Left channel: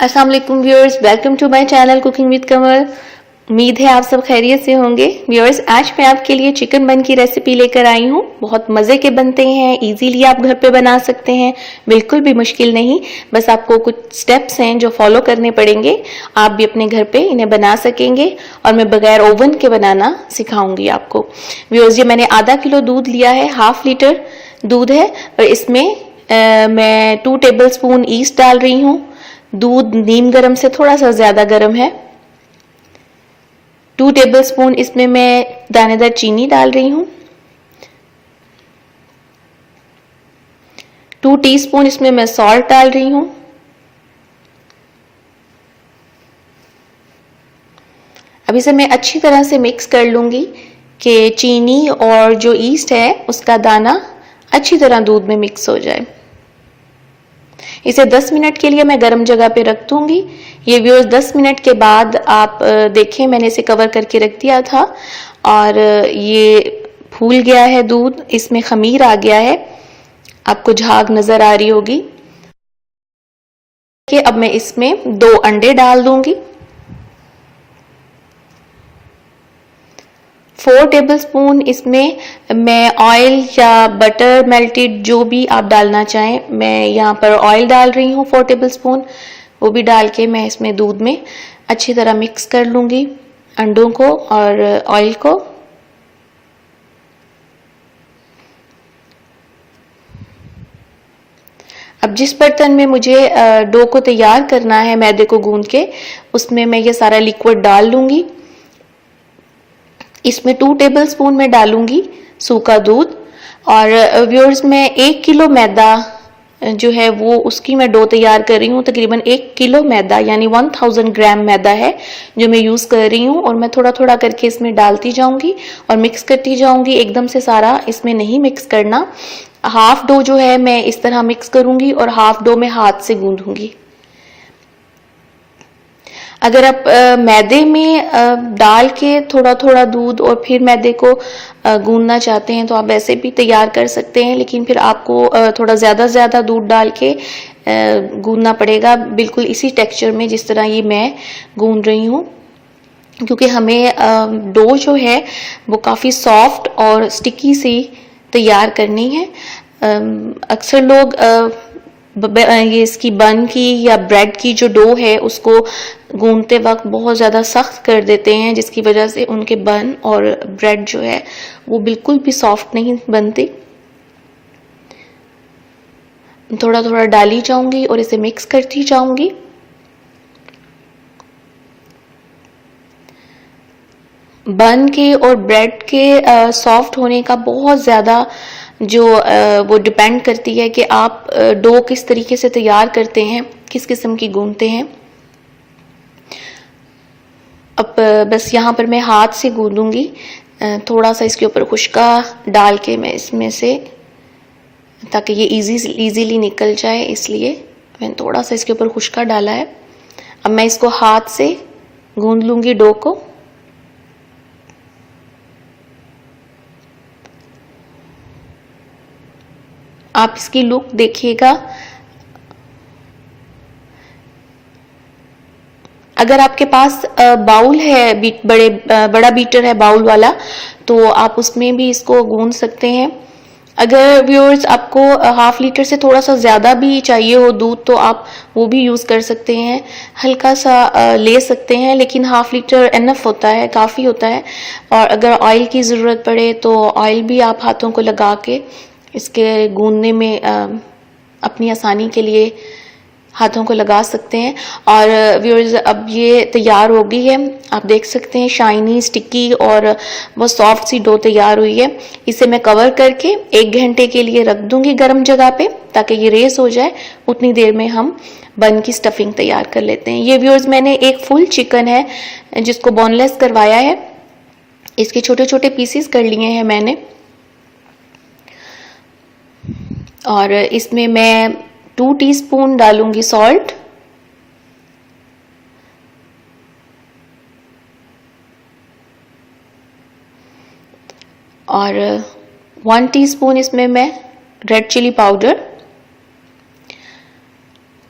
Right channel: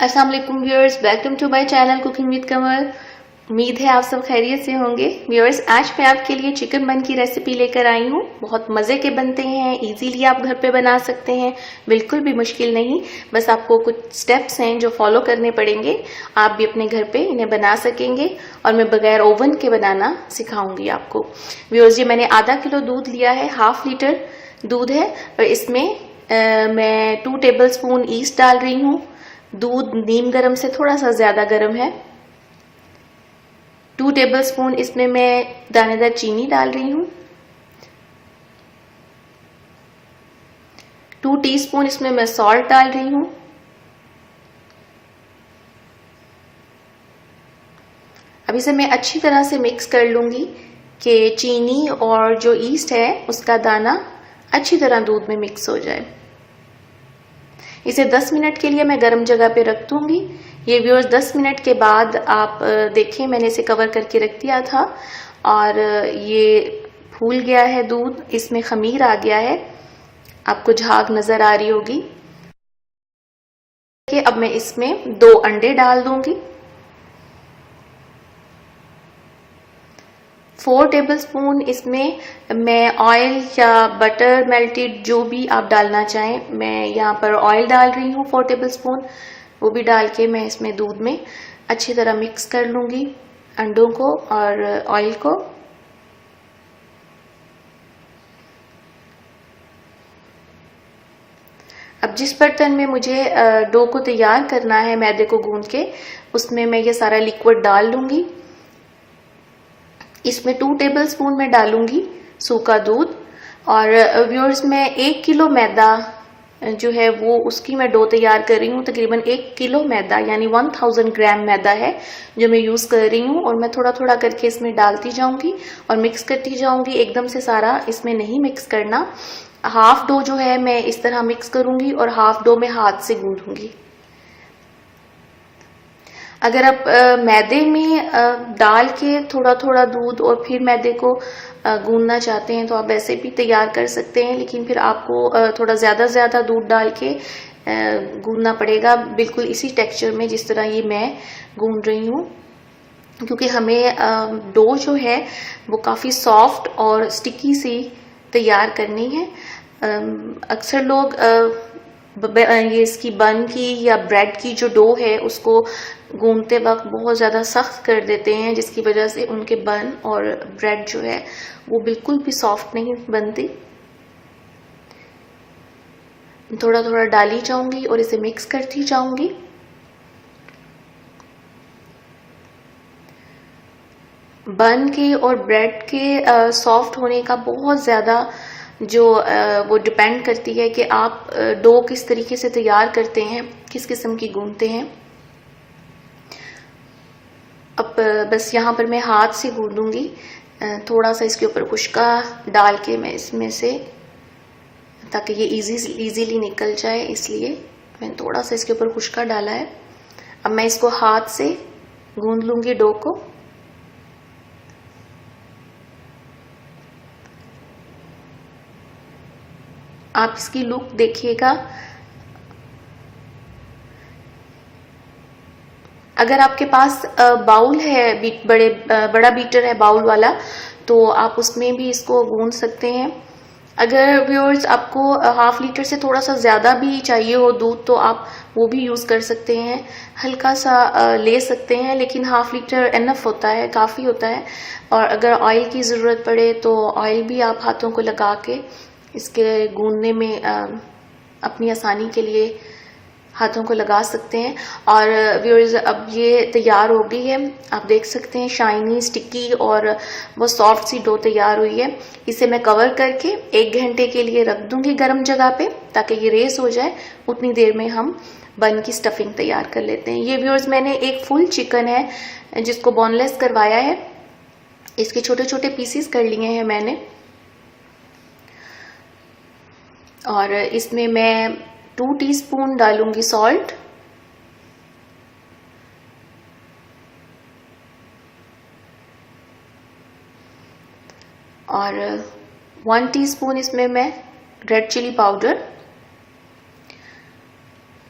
अस्सलाम वालेकुम viewers, welcome to my channel cooking with Kamal. उम्मीद है आप सब खैरियत से होंगे। व्यूअर्स, आज मैं आपके लिए चिकन बन की रेसिपी लेकर आई हूँ। बहुत मज़े के बनते हैं, इजीली आप घर पे बना सकते हैं, बिल्कुल भी मुश्किल नहीं। बस आपको कुछ स्टेप्स हैं जो फॉलो करने पड़ेंगे, आप भी अपने घर पे इन्हें बना सकेंगे और मैं बगैर ओवन के बनाना सिखाऊंगी आपको। व्यूअर्स, ये मैंने आधा किलो दूध लिया है, हाफ लीटर दूध है और इसमें मैं 2 टेबल स्पून ईस्ट डाल रही हूँ। दूध नीम गरम से थोड़ा सा ज्यादा गर्म है। 2 टेबल स्पून इसमें मैं दानेदार चीनी डाल रही हूँ। 2 टीस्पून इसमें मैं सॉल्ट डाल रही हूँ। अब इसे मैं अच्छी तरह से मिक्स कर लूंगी कि चीनी और जो ईस्ट है उसका दाना अच्छी तरह दूध में मिक्स हो जाए। इसे 10 मिनट के लिए मैं गर्म जगह पे रख दूंगी। ये व्यूअर्स 10 मिनट के बाद आप देखें, मैंने इसे कवर करके रख दिया था और ये फूल गया है दूध, इसमें खमीर आ गया है, आपको झाग नजर आ रही होगी। अब मैं इसमें 2 अंडे डाल दूंगी। 4 टेबलस्पून इसमें मैं ऑयल या बटर मेल्टेड जो भी आप डालना चाहें, मैं यहाँ पर ऑयल डाल रही हूँ 4 टेबलस्पून। वो भी डाल के मैं इसमें दूध में अच्छी तरह मिक्स कर लूँगी अंडों को और ऑयल को। अब जिस बर्तन में मुझे डो को तैयार करना है मैदे को गूंद के, उसमें मैं ये सारा लिक्विड डाल लूँगी। इसमें 2 टेबलस्पून में डालूंगी सूखा दूध और व्यूअर्स मैं 1 किलो मैदा जो है वो उसकी मैं डो तैयार कर रही हूँ। तकरीबन 1 किलो मैदा यानी 1000 ग्राम मैदा है जो मैं यूज़ कर रही हूँ और मैं थोड़ा थोड़ा करके इसमें डालती जाऊंगी और मिक्स करती जाऊंगी। एकदम से सारा इसमें नहीं मिक्स करना। हाफ डो जो है मैं इस तरह मिक्स करूंगी और हाफ डो मैं हाथ से गूंदूंगी। अगर आप मैदे में डाल के थोड़ा थोड़ा दूध और फिर मैदे को गूंदना चाहते हैं तो आप वैसे भी तैयार कर सकते हैं, लेकिन फिर आपको थोड़ा ज़्यादा दूध डाल के गूंदना पड़ेगा, बिल्कुल इसी टेक्सचर में जिस तरह ये मैं गूंद रही हूँ, क्योंकि हमें डो जो है वो काफ़ी सॉफ्ट और स्टिकी सी तैयार करनी है। अक्सर लोग ये इसकी बन की या ब्रेड की जो डो है उसको गूंदते वक्त बहुत ज़्यादा सख्त कर देते हैं, जिसकी वजह से उनके बन और ब्रेड जो है वो बिल्कुल भी सॉफ्ट नहीं बनती। थोड़ा थोड़ा डाली जाऊंगी और इसे मिक्स करती जाऊंगी। बन के और ब्रेड के सॉफ्ट होने का बहुत ज़्यादा जो वो डिपेंड करती है कि आप डो किस तरीके से तैयार करते हैं, किस किस्म की गूंदते हैं। अब बस यहाँ पर मैं हाथ से गूंदूंगी, थोड़ा सा इसके ऊपर खुशका डाल के मैं इसमें से, ताकि ये इजीली निकल जाए, इसलिए मैंने थोड़ा सा इसके ऊपर खुशका डाला है। अब मैं इसको हाथ से गूंद लूंगी डो को। आप इसकी लुक देखिएगा। अगर आपके पास बाउल है, बड़ा बीटर है बाउल वाला, तो आप उसमें भी इसको गूंद सकते हैं। अगर व्यूअर्स आपको हाफ लीटर से थोड़ा सा ज़्यादा भी चाहिए हो दूध तो आप वो भी यूज़ कर सकते हैं, हल्का सा ले सकते हैं, लेकिन हाफ लीटर इनफ होता है, काफ़ी होता है। और अगर ऑयल की ज़रूरत पड़े तो ऑयल भी आप हाथों को लगा के इसके गूंदने में अपनी आसानी के लिए हाथों को लगा सकते हैं। और व्यूअर्स, अब ये तैयार हो गई है, आप देख सकते हैं शाइनी, स्टिकी और बहुत सॉफ्ट सी डो तैयार हुई है। इसे मैं कवर करके 1 घंटे के लिए रख दूंगी गर्म जगह पे, ताकि ये रेस हो जाए। उतनी देर में हम बन की स्टफिंग तैयार कर लेते हैं। ये व्यूअर्स, मैंने एक फुल चिकन है जिसको बोनलेस करवाया है, इसके छोटे छोटे पीसीस कर लिए हैं मैंने। और इसमें मैं 2 टीस्पून डालूंगी सॉल्ट और 1 टीस्पून इसमें मैं रेड चिली पाउडर,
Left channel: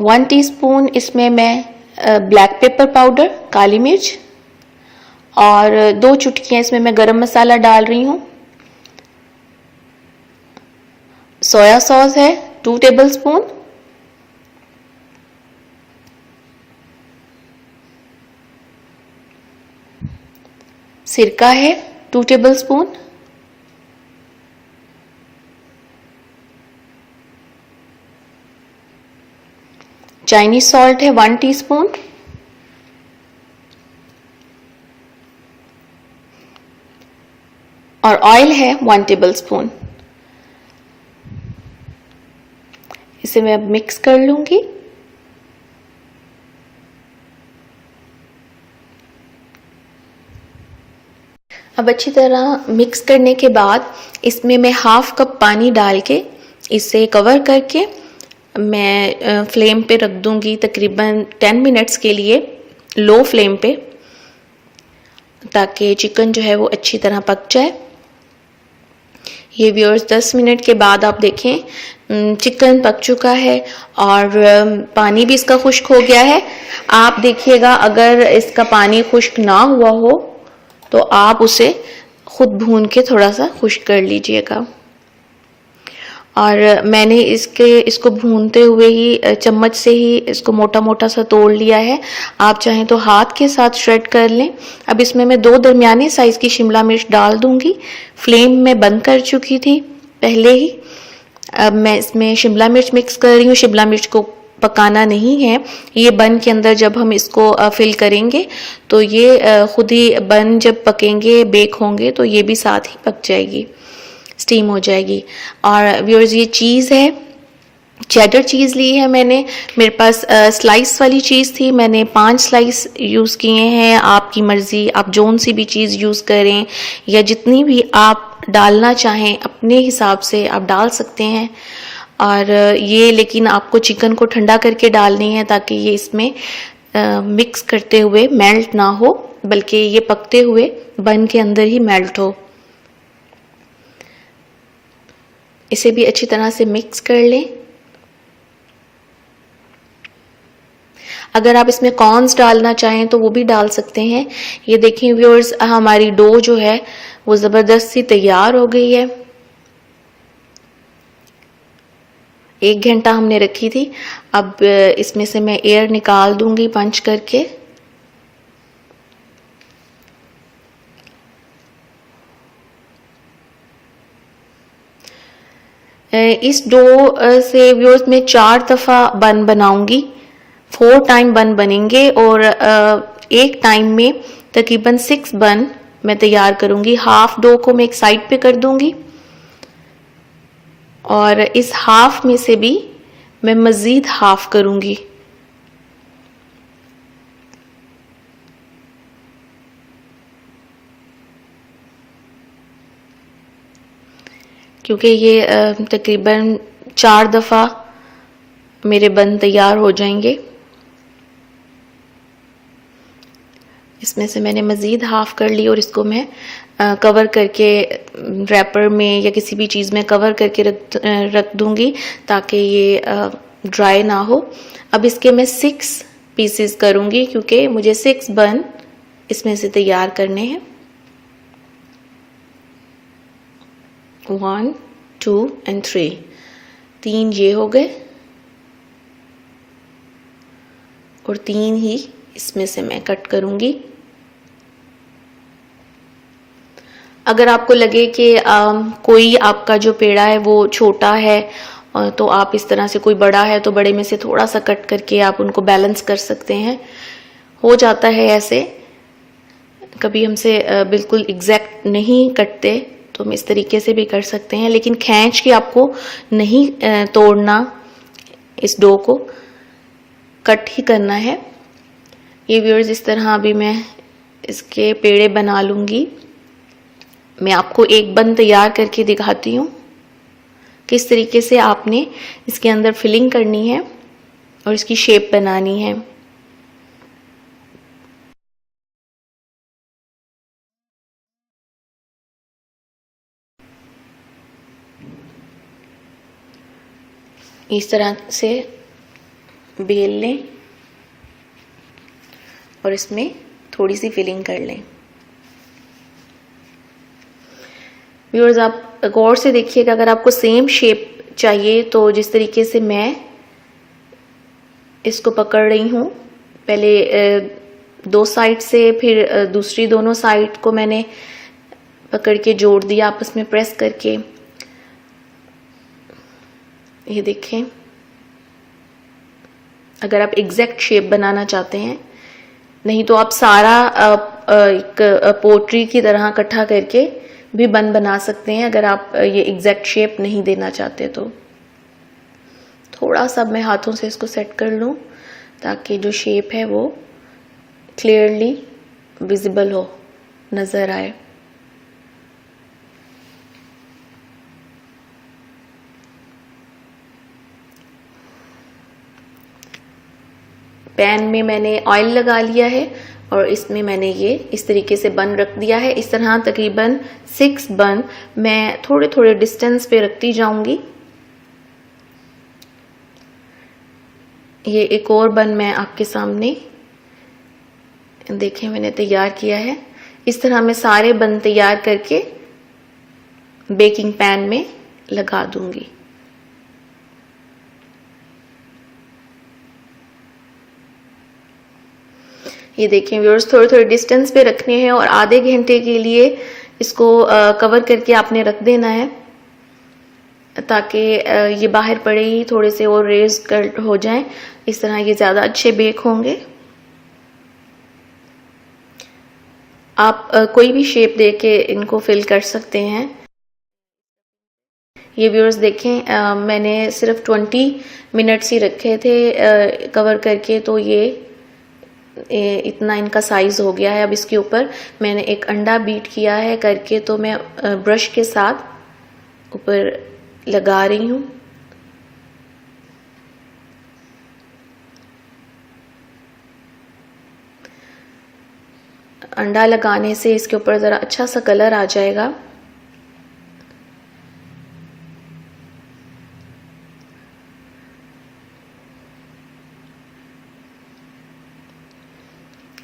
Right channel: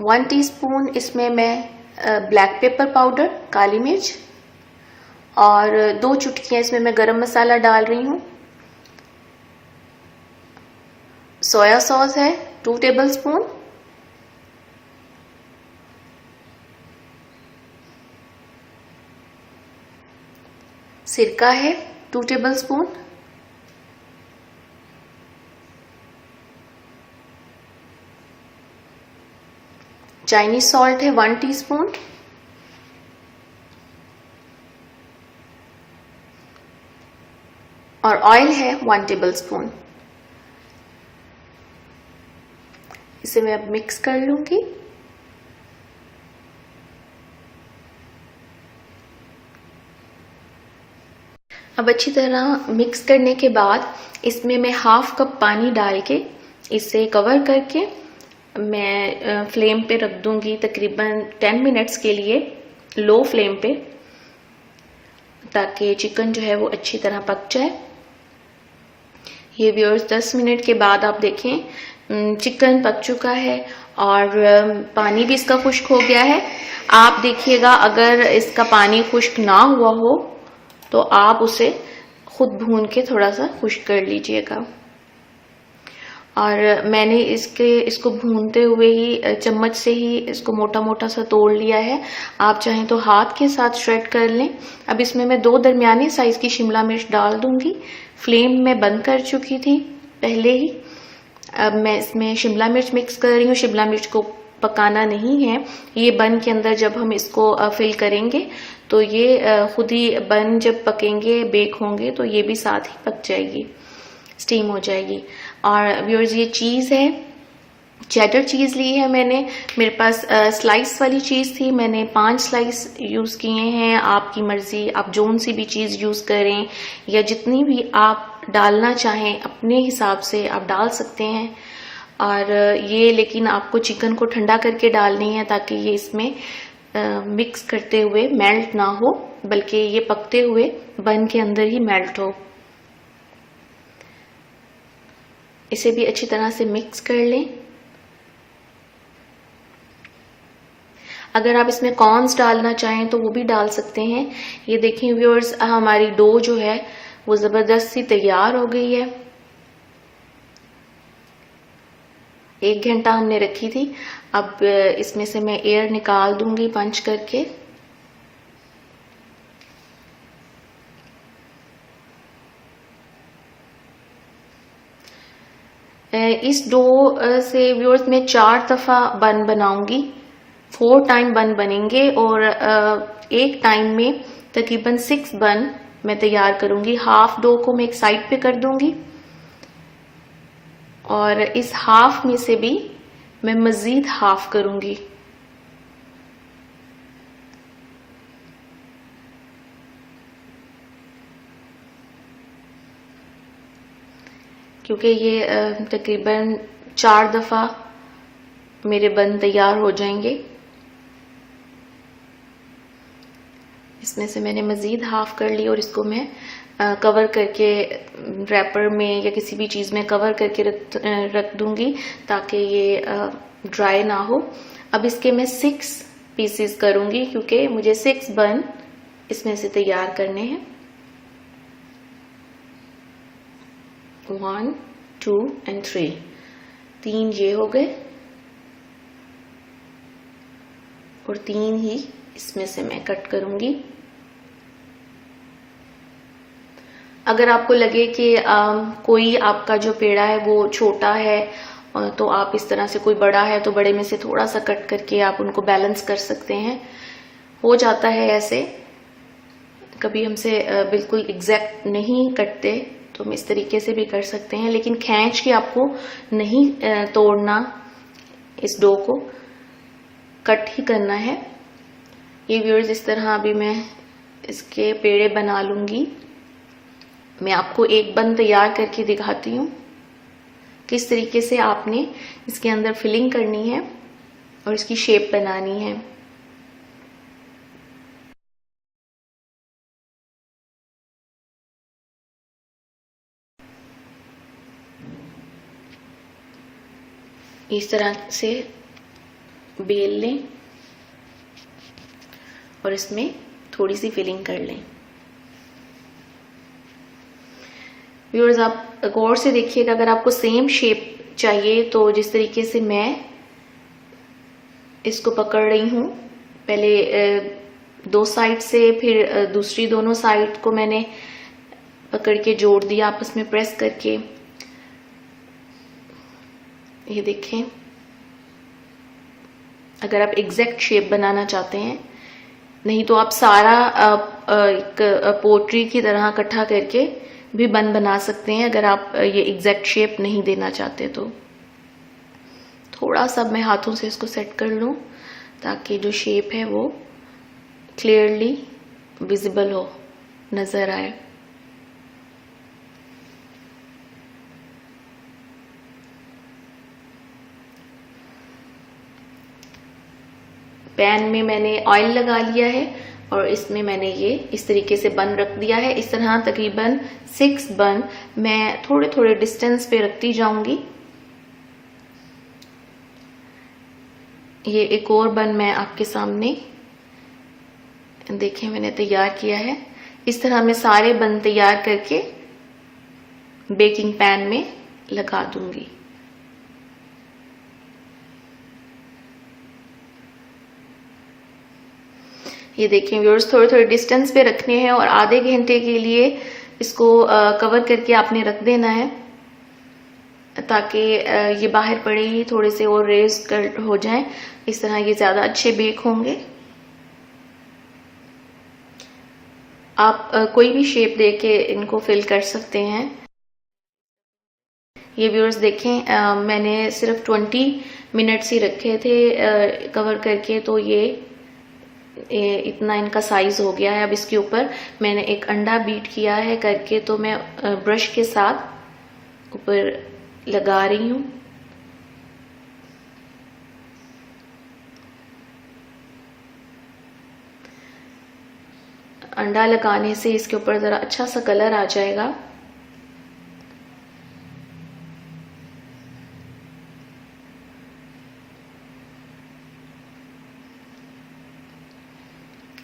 1 टीस्पून इसमें मैं ब्लैक पेपर पाउडर, काली मिर्च, और 2 चुटकियां इसमें मैं गरम मसाला डाल रही हूँ। सोया सॉस है 2 टेबलस्पून, सिरका है 2 टेबलस्पून, चाइनीज सॉल्ट है 1 टीस्पून, और ऑयल है 1 टेबलस्पून। इसे मैं अब मिक्स कर लूंगी। अब अच्छी तरह मिक्स करने के बाद इसमें मैं हाफ कप पानी डाल के इसे कवर करके मैं फ्लेम पे रख दूंगी तकरीबन 10 मिनट्स के लिए, लो फ्लेम पे, ताकि चिकन जो है वो अच्छी तरह पक जाए। ये व्यूअर्स 10 मिनट के बाद आप देखें चिकन पक चुका है और पानी भी इसका खुश्क हो गया है। आप देखिएगा अगर इसका पानी खुश्क ना हुआ हो तो आप उसे खुद भून के थोड़ा सा खुश्क कर लीजिएगा। और मैंने इसको भूनते हुए ही चम्मच से ही इसको मोटा मोटा सा तोड़ लिया है। आप चाहें तो हाथ के साथ श्रेड कर लें। अब इसमें मैं 2 दरमियाने साइज की शिमला मिर्च डाल दूंगी। फ्लेम में बंद कर चुकी थी पहले ही। अब मैं इसमें शिमला मिर्च मिक्स कर रही हूँ। शिमला मिर्च को पकाना नहीं है, ये बन के अंदर जब हम इसको फिल करेंगे तो ये खुद ही बन जब पकेंगे, बेक होंगे, तो ये भी साथ ही पक जाएगी, स्टीम हो जाएगी। और व्यूअर्स ये चीज़ है, चेडर चीज़ ली है मैंने। मेरे पास स्लाइस वाली चीज़ थी, मैंने 5 स्लाइस यूज़ किए हैं। आपकी मर्ज़ी, आप जोन सी भी चीज़ यूज़ करें या जितनी भी आप डालना चाहें अपने हिसाब से आप डाल सकते हैं। और ये लेकिन आपको चिकन को ठंडा करके डालनी है ताकि ये इसमें मिक्स करते हुए मेल्ट ना हो, बल्कि ये पकते हुए बन के अंदर ही मेल्ट हो। इसे भी अच्छी तरह से मिक्स कर लें। अगर आप इसमें कॉर्न्स डालना चाहें तो वो भी डाल सकते हैं। ये देखें व्यूअर्स, हमारी डो जो है वो ज़बरदस्त सी तैयार हो गई है। 1 घंटा हमने रखी थी। अब इसमें से मैं एयर निकाल दूंगी पंच करके। इस डो से व्यूअर्स में 4 दफ़ा बन बनाऊंगी। 4 टाइम बन बनेंगे और एक टाइम में तकरीबन 6 बन मैं तैयार करूंगी। हाफ डो को मैं एक साइड पे कर दूंगी और इस हाफ में से भी मैं मज़ीद हाफ करूंगी। क्योंकि ये तकरीबन 4 दफ़ा मेरे बन तैयार हो जाएंगे। इसमें से मैंने मज़ीद हाफ कर ली और इसको मैं कवर करके रैपर में या किसी भी चीज़ में कवर करके रख दूंगी ताकि ये ड्राई ना हो। अब इसके मैं 6 पीसेस करूंगी क्योंकि मुझे 6 बन इसमें से तैयार करने हैं। 1 2 एंड 3, 3 ये हो गए और 3 ही इसमें से मैं कट करूंगी। अगर आपको लगे कि कोई आपका जो पेड़ा है वो छोटा है तो आप इस तरह से, कोई बड़ा है तो बड़े में से थोड़ा सा कट करके आप उनको बैलेंस कर सकते हैं। हो जाता है ऐसे, कभी हमसे बिल्कुल एग्जैक्ट नहीं कटते तो हम इस तरीके से भी कर सकते हैं, लेकिन खींच के आपको नहीं तोड़ना, इस डो को कट ही करना है। ये व्यूअर्स इस तरह अभी मैं इसके पेड़े बना लूंगी। मैं आपको एक बन तैयार करके दिखाती हूँ किस तरीके से आपने इसके अंदर फिलिंग करनी है और इसकी शेप बनानी है। इस तरह से बेल लें और इसमें थोड़ी सी फिलिंग कर लें। व्यूअर्स आप गौर से देखिएगा, अगर आपको सेम शेप चाहिए तो जिस तरीके से मैं इसको पकड़ रही हूँ, पहले दो साइड से, फिर दूसरी दोनों साइड को मैंने पकड़ के जोड़ दिया आपस में प्रेस करके। ये देखें, अगर आप एग्जैक्ट शेप बनाना चाहते हैं, नहीं तो आप सारा एक पोट्री की तरह इकट्ठा करके भी बन बना सकते हैं। अगर आप ये एग्जैक्ट शेप नहीं देना चाहते तो थोड़ा सा मैं हाथों से इसको सेट कर लूं ताकि जो शेप है वो क्लियरली विजिबल हो, नजर आए। पैन में मैंने ऑयल लगा लिया है और इसमें मैंने ये इस तरीके से बन रख दिया है। इस तरह तकरीबन 6 बन मैं थोड़े थोड़े डिस्टेंस पे रखती जाऊंगी। ये एक और बन मैं आपके सामने देखें मैंने तैयार किया है। इस तरह मैं सारे बन तैयार करके बेकिंग पैन में लगा दूंगी। ये देखें व्यूअर्स, थोड़े थोड़े डिस्टेंस पे रखने हैं और आधे घंटे के लिए इसको कवर करके आपने रख देना है ताकि ये बाहर पड़े ही थोड़े से और रेज कर हो जाएं। इस तरह ये ज्यादा अच्छे बेक होंगे। आप कोई भी शेप देके इनको फिल कर सकते हैं। ये व्यूअर्स देखें, मैंने सिर्फ 20 मिनट्स ही रखे थे कवर करके, तो ये इतना इनका साइज हो गया है। अब इसके ऊपर मैंने एक अंडा बीट किया है करके, तो मैं ब्रश के साथ ऊपर लगा रही हूँ। अंडा लगाने से इसके ऊपर जरा अच्छा सा कलर आ जाएगा।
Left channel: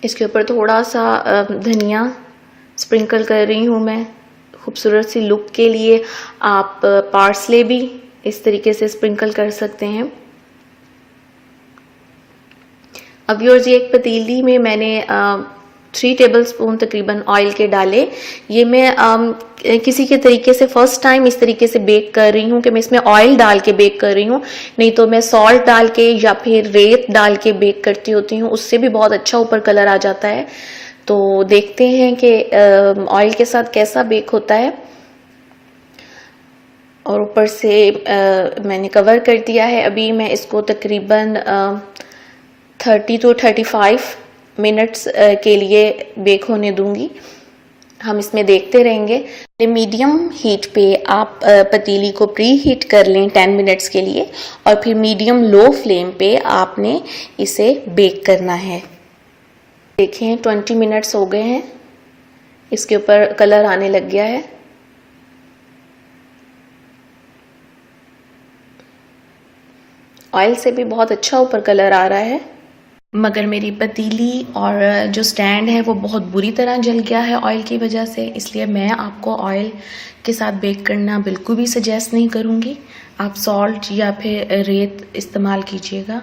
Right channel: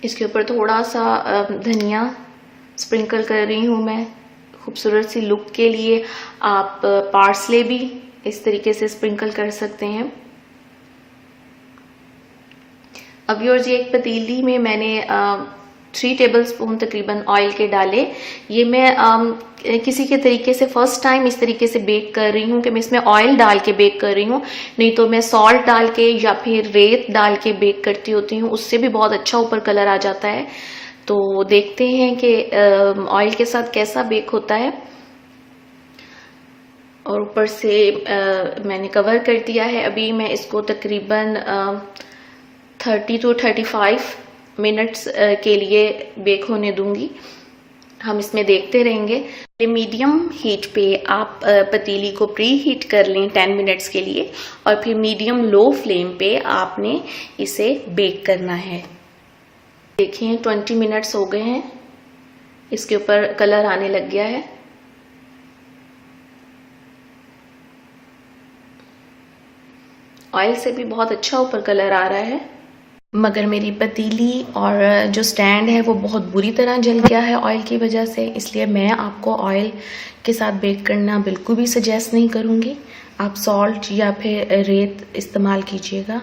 इसके ऊपर थोड़ा सा धनिया स्प्रिंकल कर रही हूँ मैं खूबसूरत सी लुक के लिए। आप पार्सले भी इस तरीके से स्प्रिंकल कर सकते हैं। अब व्यूअर्स, ये एक पतीली में मैंने 3 टेबलस्पून तकरीबन ऑयल के डाले। ये मैं किसी के तरीके से फर्स्ट टाइम इस तरीके से बेक कर रही हूँ कि मैं इसमें ऑयल डाल के बेक कर रही हूँ, नहीं तो मैं सॉल्ट डाल के या फिर रेत डाल के बेक करती होती हूँ, उससे भी बहुत अच्छा ऊपर कलर आ जाता है। तो देखते हैं कि ऑयल के साथ कैसा बेक होता है। और ऊपर से मैंने कवर कर दिया है। अभी मैं इसको तकरीबन 30 to 35 मिनट्स के लिए बेक होने दूंगी। हम इसमें देखते रहेंगे। मीडियम हीट पे आप पतीली को प्री हीट कर लें 10 मिनट्स के लिए, और फिर मीडियम लो फ्लेम पे आपने इसे बेक करना है। देखें 20 मिनट्स हो गए हैं, इसके ऊपर कलर आने लग गया है। ऑयल से भी बहुत अच्छा ऊपर कलर आ रहा है, मगर मेरी पतीली और जो स्टैंड है वो बहुत बुरी तरह जल गया है ऑयल की वजह से। इसलिए मैं आपको ऑयल के साथ बेक करना बिल्कुल भी सजेस्ट नहीं करूँगी। आप सॉल्ट या फिर रेत इस्तेमाल कीजिएगा।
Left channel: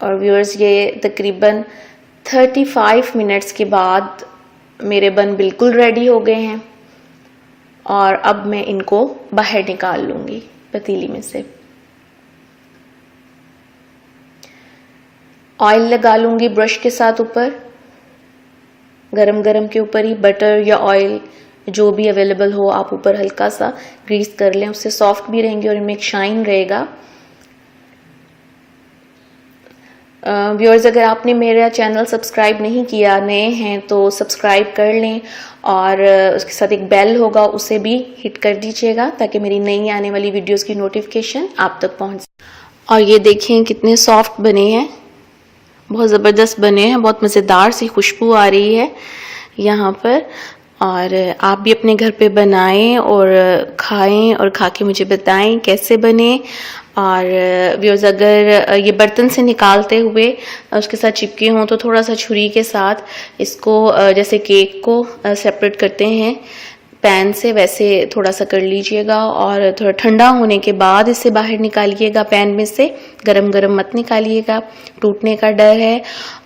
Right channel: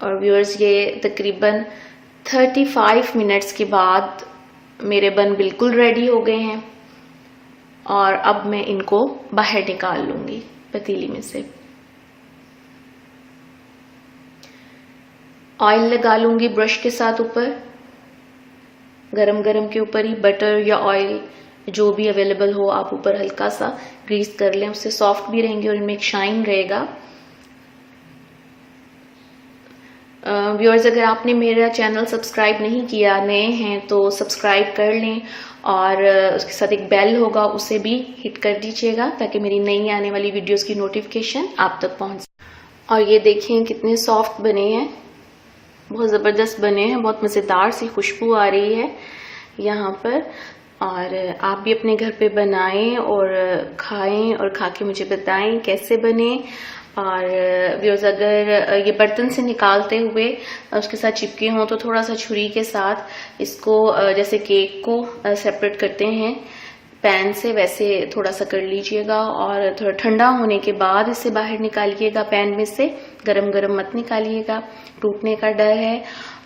और व्यूअर्स, ये तकरीबन 35 मिनट्स के बाद मेरे बन बिल्कुल रेडी हो गए हैं और अब मैं इनको बाहर निकाल लूँगी पतीली में से। ऑयल लगा लूंगी ब्रश के साथ ऊपर, गरम गरम के ऊपर ही बटर या ऑयल जो भी अवेलेबल हो आप ऊपर हल्का सा ग्रीस कर लें, उससे सॉफ्ट भी रहेंगे और इनमें एक शाइन रहेगा। व्यूअर्स, अगर आपने मेरा चैनल सब्सक्राइब नहीं किया, नए हैं, तो सब्सक्राइब कर लें और उसके साथ एक बेल होगा उसे भी हिट कर दीजिएगा ताकि मेरी नई आने वाली वीडियोस की नोटिफिकेशन आप तक पहुंच। और ये देखें कितने सॉफ्ट बने हैं, बहुत ज़बरदस्त बने हैं, बहुत मज़ेदार सी खुशबू आ रही है यहाँ पर। और आप भी अपने घर पे बनाएं और खाएं और खा के मुझे बताएं कैसे बने। और व्यूअर्स अगर ये बर्तन से निकालते हुए उसके साथ चिपके हों तो थोड़ा सा छुरी के साथ इसको जैसे केक को सेपरेट करते हैं पैन से वैसे थोड़ा सा कर लीजिएगा और थोड़ा ठंडा होने के बाद इसे बाहर निकालिएगा पैन में से। गरम गरम मत निकालिएगा, टूटने का डर है।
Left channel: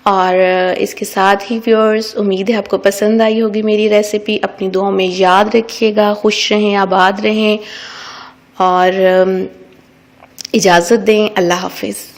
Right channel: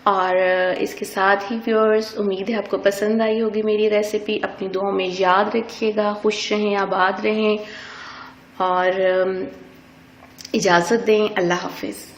और इसके साथ ही व्यूअर्स उम्मीद है आपको पसंद आई होगी मेरी रेसिपी। अपनी दुआओं में याद रखिएगा, खुश रहें, आबाद रहें और इजाज़त दें। अल्लाह हाफिज़।